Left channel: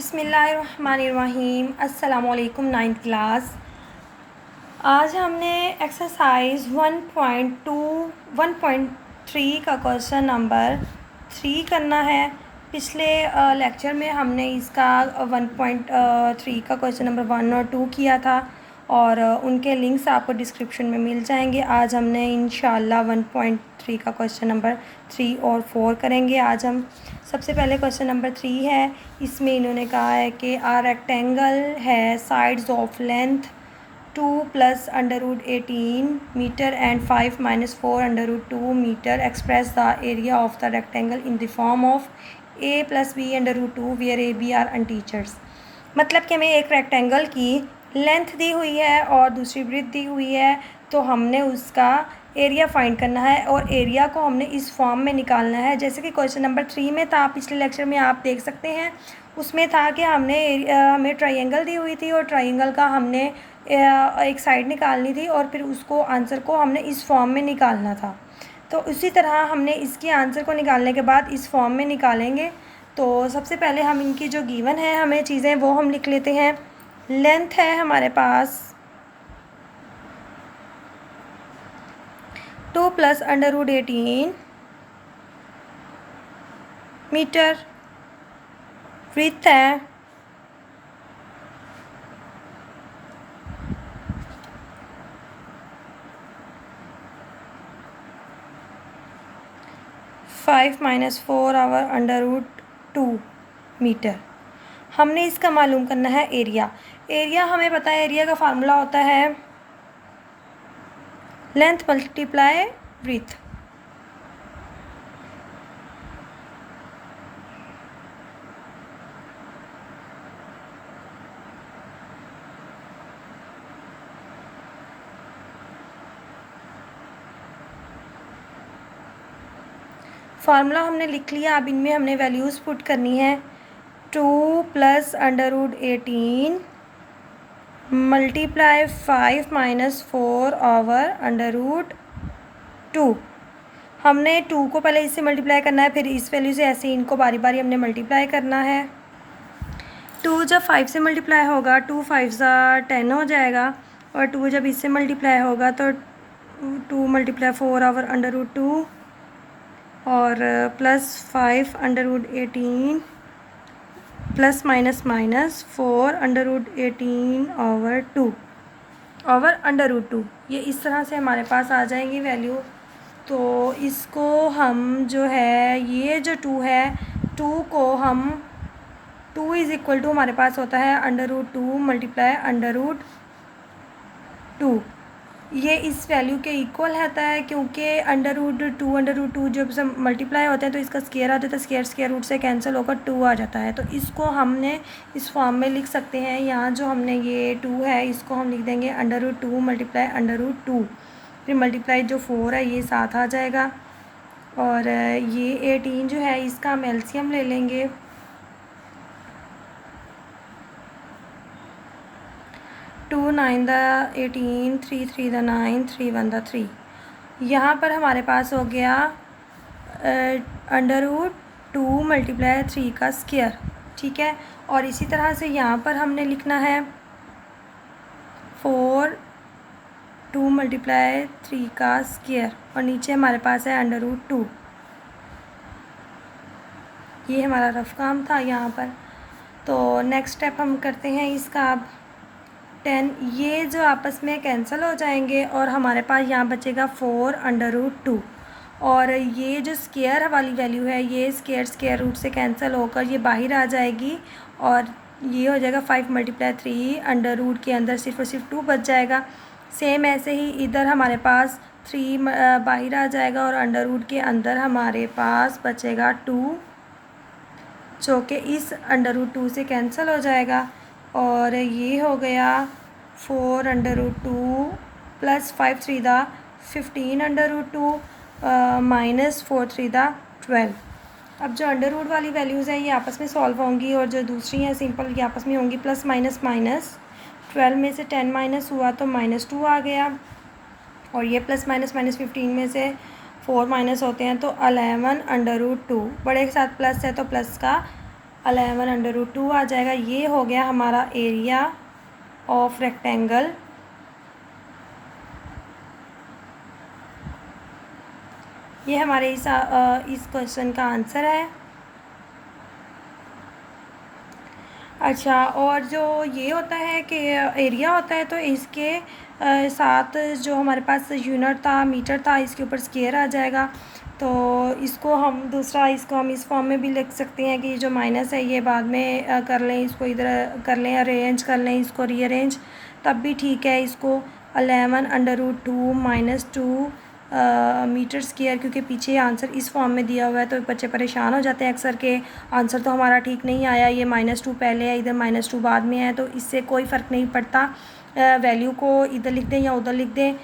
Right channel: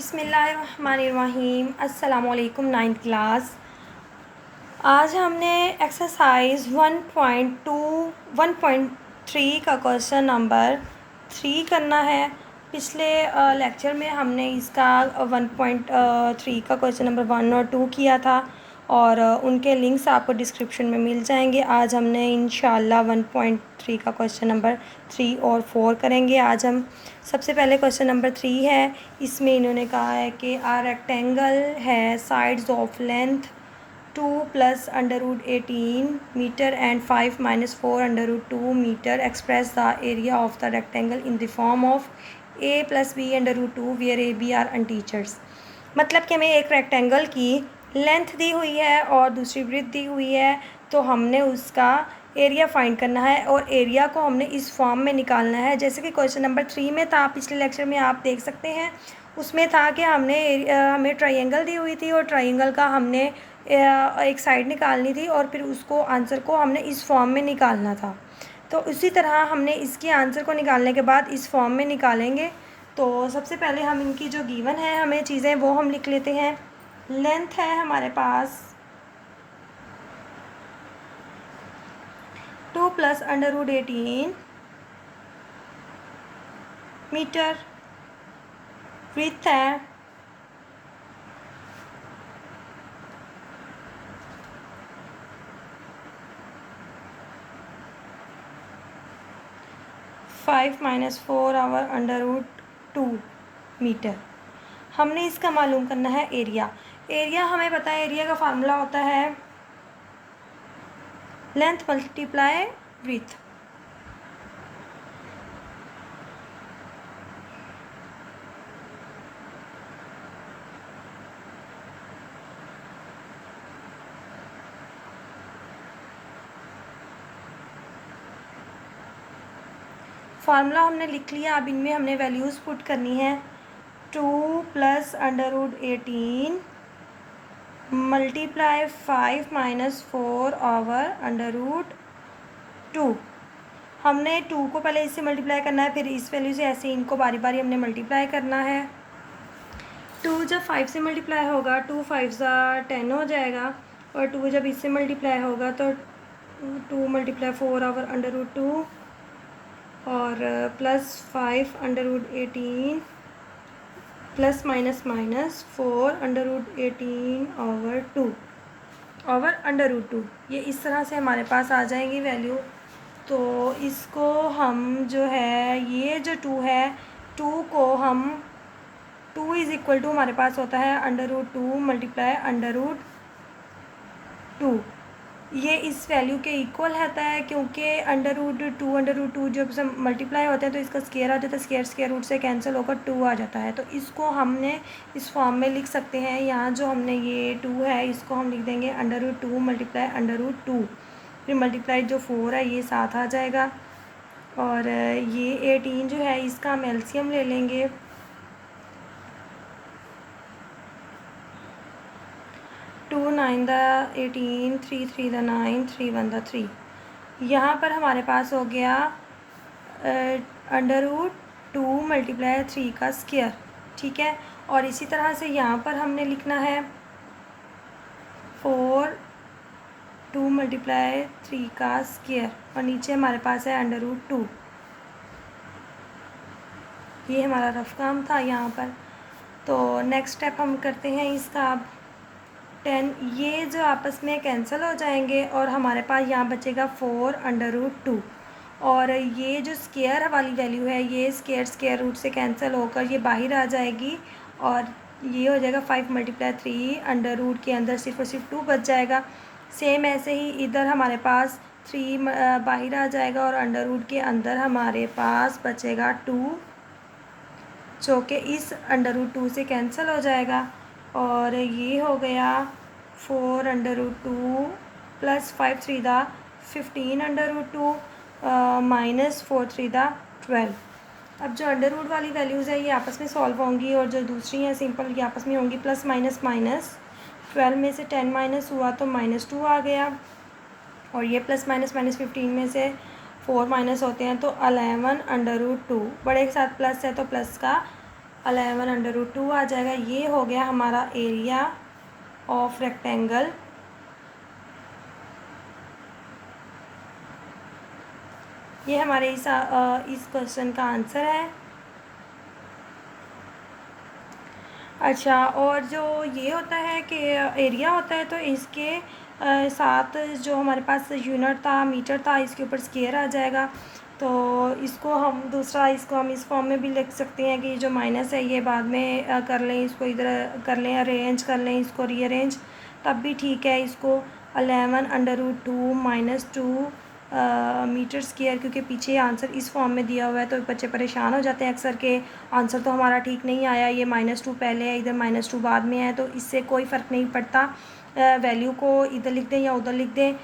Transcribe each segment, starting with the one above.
बिस्मिल्लाहिर्रहमानिर्रहीम। अस्सलामुअलैकुम। Ninth class. आज हमने एक्सरसाइज 1.3 का क्वेश्चन नंबर 3 करना है। पिछले लेक्चर में हमने इसका 1.3 का क्वेश्चन नंबर 1 और 2 किया था और उनके लिंक्स आपको डिस्क्रिप्शन में मिल जाएंगे। आज हमने इंशाल्लाह 1.3 का क्वेश्चन नंबर 3 और 4 करेंगे। आज हम सबसे पहले क्वेश्चन नंबर 3 है। इसमें इन्होंने कहा है कि आ रेक्टेंगल है sides of length 2 + √18 metre and 5 - 4 √2 metre. Express the area of the rectangle in the form of a + b √2 where a b are integers. मतलब कि हमें एक रेक्टेंगल की लेंथ दी हुई है और दूसरी ब्रेथ दी हुई है, तो हमने उसका एरिया फाइंड करना है और एरिया को हमने इस फॉर्म में निकालना है जैसे कि क्वेश्चन नंबर 3 में था। पिछले लेक्चर में आप देख सकते हैं, उसमें था कि हमें ट्रायंगल दी हुई थी और ट्रायंगल का हमने एक साइड निकालनी थी और फिर उसको आंसर को हमने इस फॉर्म में निकालना था। तो उसी तरह हमने इसके आंसर को निकालने के बाद इस फॉर्म में निकालेंगे। तो सबसे पहले हम इनकी जो गिवन है हमें चीज़ें वो हम लिख लेते हैं। लेंथ है हमारे पास 2 + √18 मीटर। ब्रीथ है 5 - 4 √2 मीटर। हमने इसका मालूम करना है एरिया। एरिया हमें पता है, एरिया का फार्मूला होता है लेंथ × ब्रीथ। फार्मूला हमने लिख लिया। अब इनमें हमने वैल्यूज़ पुट करनी है। 2 + √18 मल्टीप्लाई 5 - 4 √2। हमने 2 को पहले इससे मल्टीप्लाई करना है, फिर इस वैल्यू से ऐसे इनको बारी बारी हमने मल्टीप्लाई करना है। 2 जब 5 से मल्टीप्लाई होगा 2 × 5 = 10 हो जाएगा और 2 जब इससे मल्टीप्लाई होगा तो 2 × 4 √2 और +5 √18 प्लस माइनस माइनस 4 √18/2 √2। ये इस तरह से हमारे पास आ जाएंगी वैल्यू। तो इसको हम जो है ये जो 2 है, 2 को हम 2 = हमारे पास होता है √2 × √2। ये इस वैल्यू के इक्वल रहता है क्योंकि √2 जब सब मल्टीप्लाई होते हैं तो इसका स्क्वायर आता है, तो स्क्वायर रूट से कैंसिल होकर 2 आ जाता है। तो इसको हमने इस फॉर्म में लिख सकते हैं। यहाँ जो हमने ये 2 है इसको हम लिख देंगे √2 × √2। फिर मल्टीप्लाई जो 4 है ये साथ आ जाएगा और ये 18 जो है इसका हम एलसीएम ले लेंगे। 2 × 9 = 18, 3 × 3 = 9, 3 × 1 = 3। यहाँ पर हमारे पास हो गया √2 × 3 का स्क्वायर। ठीक है, और इसी तरह से यहाँ पर हमने लिखना है 4 2 × 3 का स्क्वायर और नीचे हमारे पास है √2। ये हमारा रफ काम था यहाँ पर। तो नेक्स्ट स्टेप हम करते हैं इसका। अब 10 ये जो आपस में कैंसिल हो जाएंगे और हमारे पास यहाँ बचेगा 4 √2 और ये जो स्क्वायर वाली वैल्यू है ये स्क्वायर रूट से कैंसिल होकर ये बाहर आ जाएगी और ये हो जाएगा 5 × 3 √, के अंदर सिर्फ और सिर्फ 2 बच जाएगा। सेम ऐसे ही इधर हमारे पास 3 बाहर आ जाएगा और √, के अंदर हमारे पास बचेगा 2 जो कि इस √2 से कैंसिल हो जाएगा और ये हो गया 4 √2 + 5 × 3 = 15 √2 -4 × 3 = 12। अब जो अंडर वाली वैल्यूज़ है ये आपस में सॉल्व होंगी और जो दूसरी हैं सिंपल ये आपस में होंगी। प्लस माइनस माइनस 12 में से 10 माइनस हुआ तो -2 आ गया और ये प्लस माइनस 15 में से 4 माइनस होते हैं तो 11 √2। बड़े के साथ प्लस है तो प्लस का 11/2 आ जाएगा। ये हो गया हमारा एरिया ऑफ रेक्टेंगल। ये हमारे इस क्वेश्चन का आंसर है। अच्छा, और जो ये होता है कि एरिया होता है तो इसके साथ जो हमारे पास यूनिट था, मीटर था, इसके ऊपर स्क्वायर आ जाएगा। तो इसको हम इस फॉर्म में भी लिख सकते हैं कि जो माइनस है ये बाद में कर लें, इसको इधर कर लें, अरेंज कर लें, इसको रीअरेंज, तब भी ठीक है। इसको 11/2 -2 मीटर स्क्वायर, क्योंकि पीछे आंसर इस फॉर्म में दिया हुआ है तो बच्चे परेशान हो जाते हैं अक्सर के आंसर तो हमारा ठीक नहीं आया, ये -2 पहले है, इधर -2 बाद में है। तो इससे कोई फ़र्क नहीं पड़ता, वैल्यू को इधर लिख दें या उधर लिख दें,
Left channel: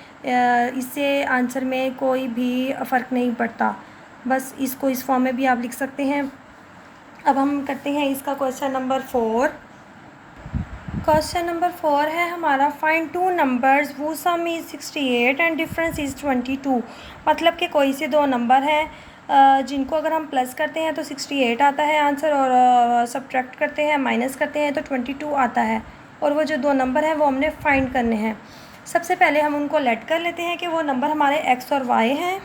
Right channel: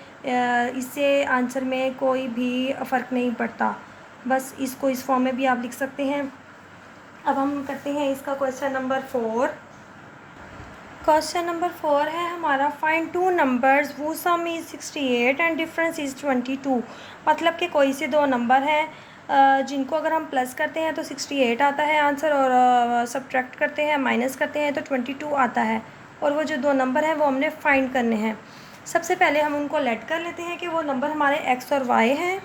इससे आंसर में कोई भी फ़र्क नहीं पड़ता। बस इसको इस फॉर्म में भी आप लिख सकते हैं। अब हम करते हैं इसका क्वेश्चन नंबर 4। क्वेश्चन नंबर 4 है हमारा, फाइंड टू नंबर्स वो सम इज़ 68 एंड डिफरेंस इज़ 22। मतलब कि कोई से दो नंबर हैं जिनको अगर हम प्लस करते हैं तो 68 आता है आंसर, और सब्ट्रैक्ट करते हैं, माइनस करते हैं तो 22 आता है। और वो जो दो नंबर हैं वो हमने फाइंड करने हैं। सबसे पहले हम उनको लेट कर लेते हैं कि वो नंबर हमारे एक्स और वाई हैं।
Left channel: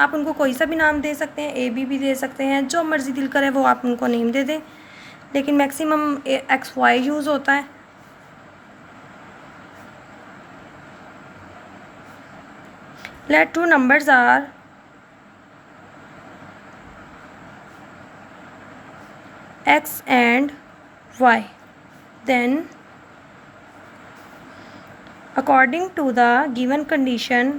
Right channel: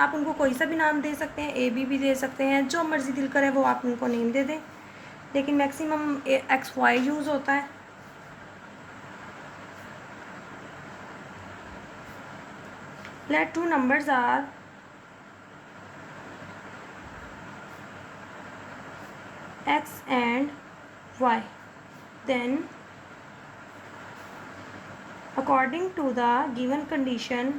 आप उनको कोई सा भी नाम दे सकते हैं, ए बी भी दे सकते हैं, जो मर्ज़ी दिल करे वो आप उनको नेम दे दें, लेकिन मैक्सिमम एक्स वाई यूज़ होता है। Let two numbers are x and y. Then, according to the given condition,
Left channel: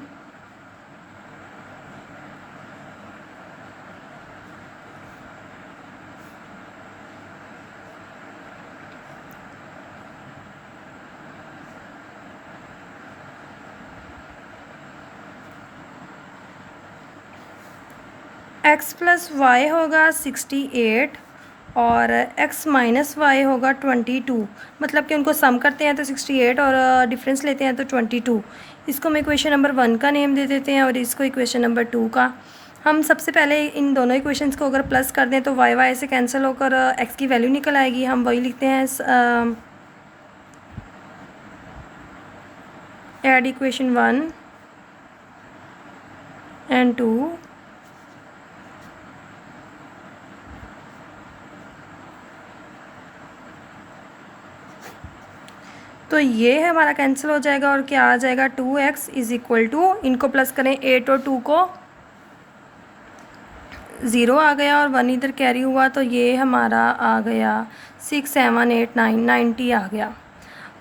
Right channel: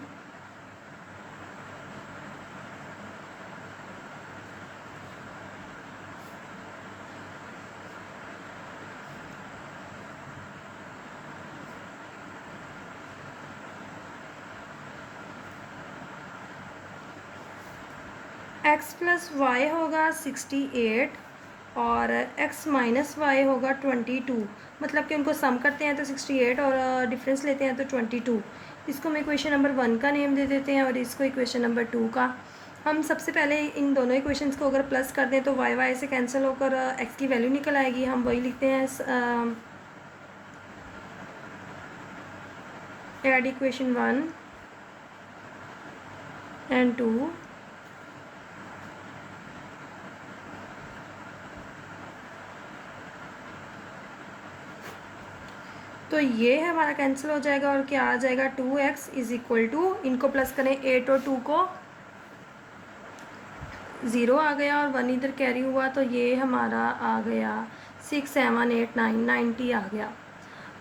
x plus y होगा 68 और x माइनस वाई होगा 22। मतलब कि उनको सम करते हैं तो 68 और डिफरेंस लेते हैं तो 22। इसको हम इक्वेशन नंबर 1 का नेम दे देते हैं और इसको इक्वेशन नंबर 2 का। हम सबसे पहले इन दोनों इक्वेशंस को अगर प्लस कर दें तो y से कैंसिल होकर x की वैल्यू निकल आएगी। हम वही लिखते हैं, एड इक्वेशन 1 एंड 2 तो ये हमारा कैंसिल हो जाएगा और क्या आ जाएगा, 2x इज़ इक्वल टू, इनको प्लस करें 8 और 2 को, 0 आ गया और 1 इधर कैरी हुआ तो ये हमारा आ गया 6 7 8 9 90 आ गया।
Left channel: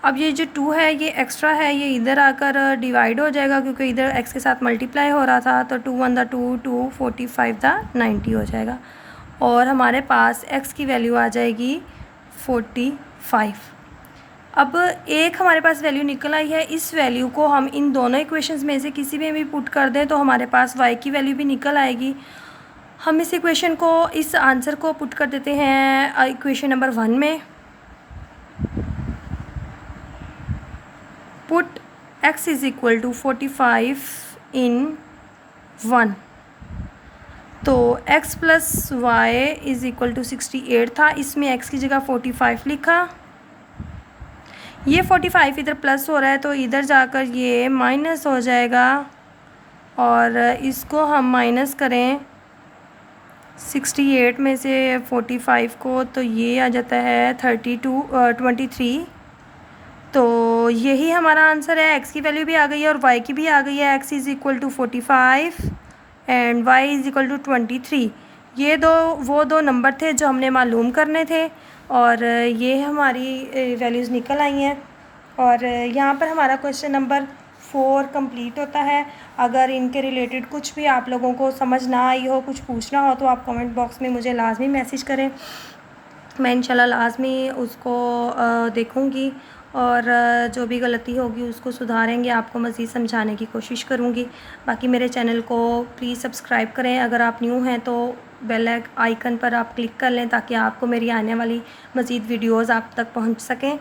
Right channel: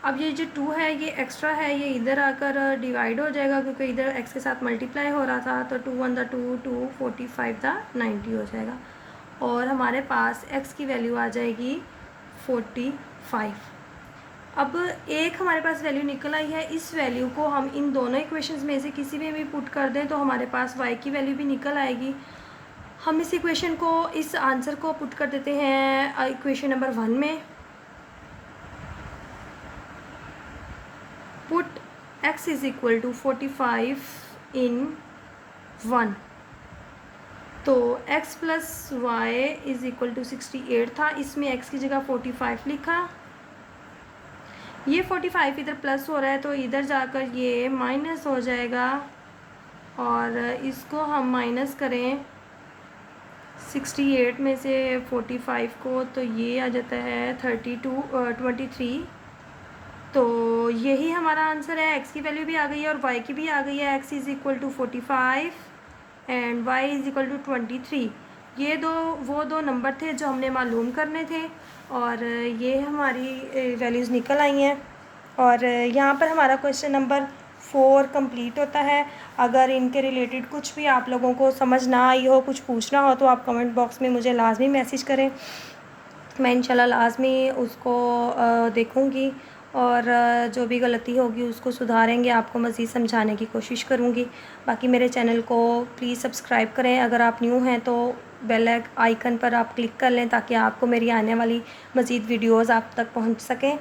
अब ये जो 2 है ये एक्स्ट्रा है, ये इधर आकर डिवाइड हो जाएगा क्योंकि इधर x के साथ मल्टीप्लाई हो रहा था, तो 2 1 दा 2 2 45 दा 90 हो जाएगा और हमारे पास x की वैल्यू आ जाएगी 45। अब एक हमारे पास वैल्यू निकल आई है, इस वैल्यू को हम इन दोनों इक्वेशंस में से किसी में भी पुट कर दें तो हमारे पास y की वैल्यू भी निकल आएगी। हम इस इक्वेशन को, इस आंसर को पुट कर देते हैं इक्वेशन नंबर 1 में। Put x is equal to 45 in 1, तो x plus y is equal to 68 था, इसमें x की जगह 45 लिखा। ये 45 इधर प्लस हो रहा है तो इधर जाकर ये माइनस हो जाएगा और इसको हम माइनस करें 68 में से 45 को तो ये आ जाता है 23। तो यही हमारा आंसर है। x की वैल्यू भी आ गई है और y की भी आ गई है। x is equal to 45 and y is equal to 23। ये वो दो नंबर थे जो हमने मालूम करने थे और ये हमारी वैल्यूज़ निकल आई हैं और यहाँ पर हमारा क्वेश्चन नंबर 4 कंप्लीट होता है। अगर इनके रिलेटेड कुछ भी आप लोगों को समझ ना आई हो, कुछ पूछना हो तो आप कमेंट बॉक्स में मुझे लाजमी मैसेज करें, मैं इंशाल्लाह लाजमी उसको देखूँगी और जो भी गलती होगी उसको सुधारेंगे, आपको मज़ीद समझाने की कोशिश करूँगी। बाकी मेरे चैनल को प्लीज़ सब्सक्राइब करें, अगर आप न्यू हैं तो बेल आइकन पर आप क्लिक कर लें ताकि आपको मेरी आने वाली मज़ीद वीडियोज़ आप तक पहुँच सकें।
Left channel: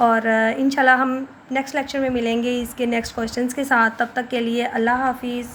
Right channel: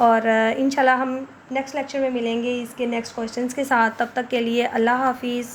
और इंशाल्लाह हम नेक्स्ट लेक्चर में मिलेंगे इसके नेक्स्ट क्वेश्चंस के साथ। तब तक के लिए अल्लाह हाफिज़।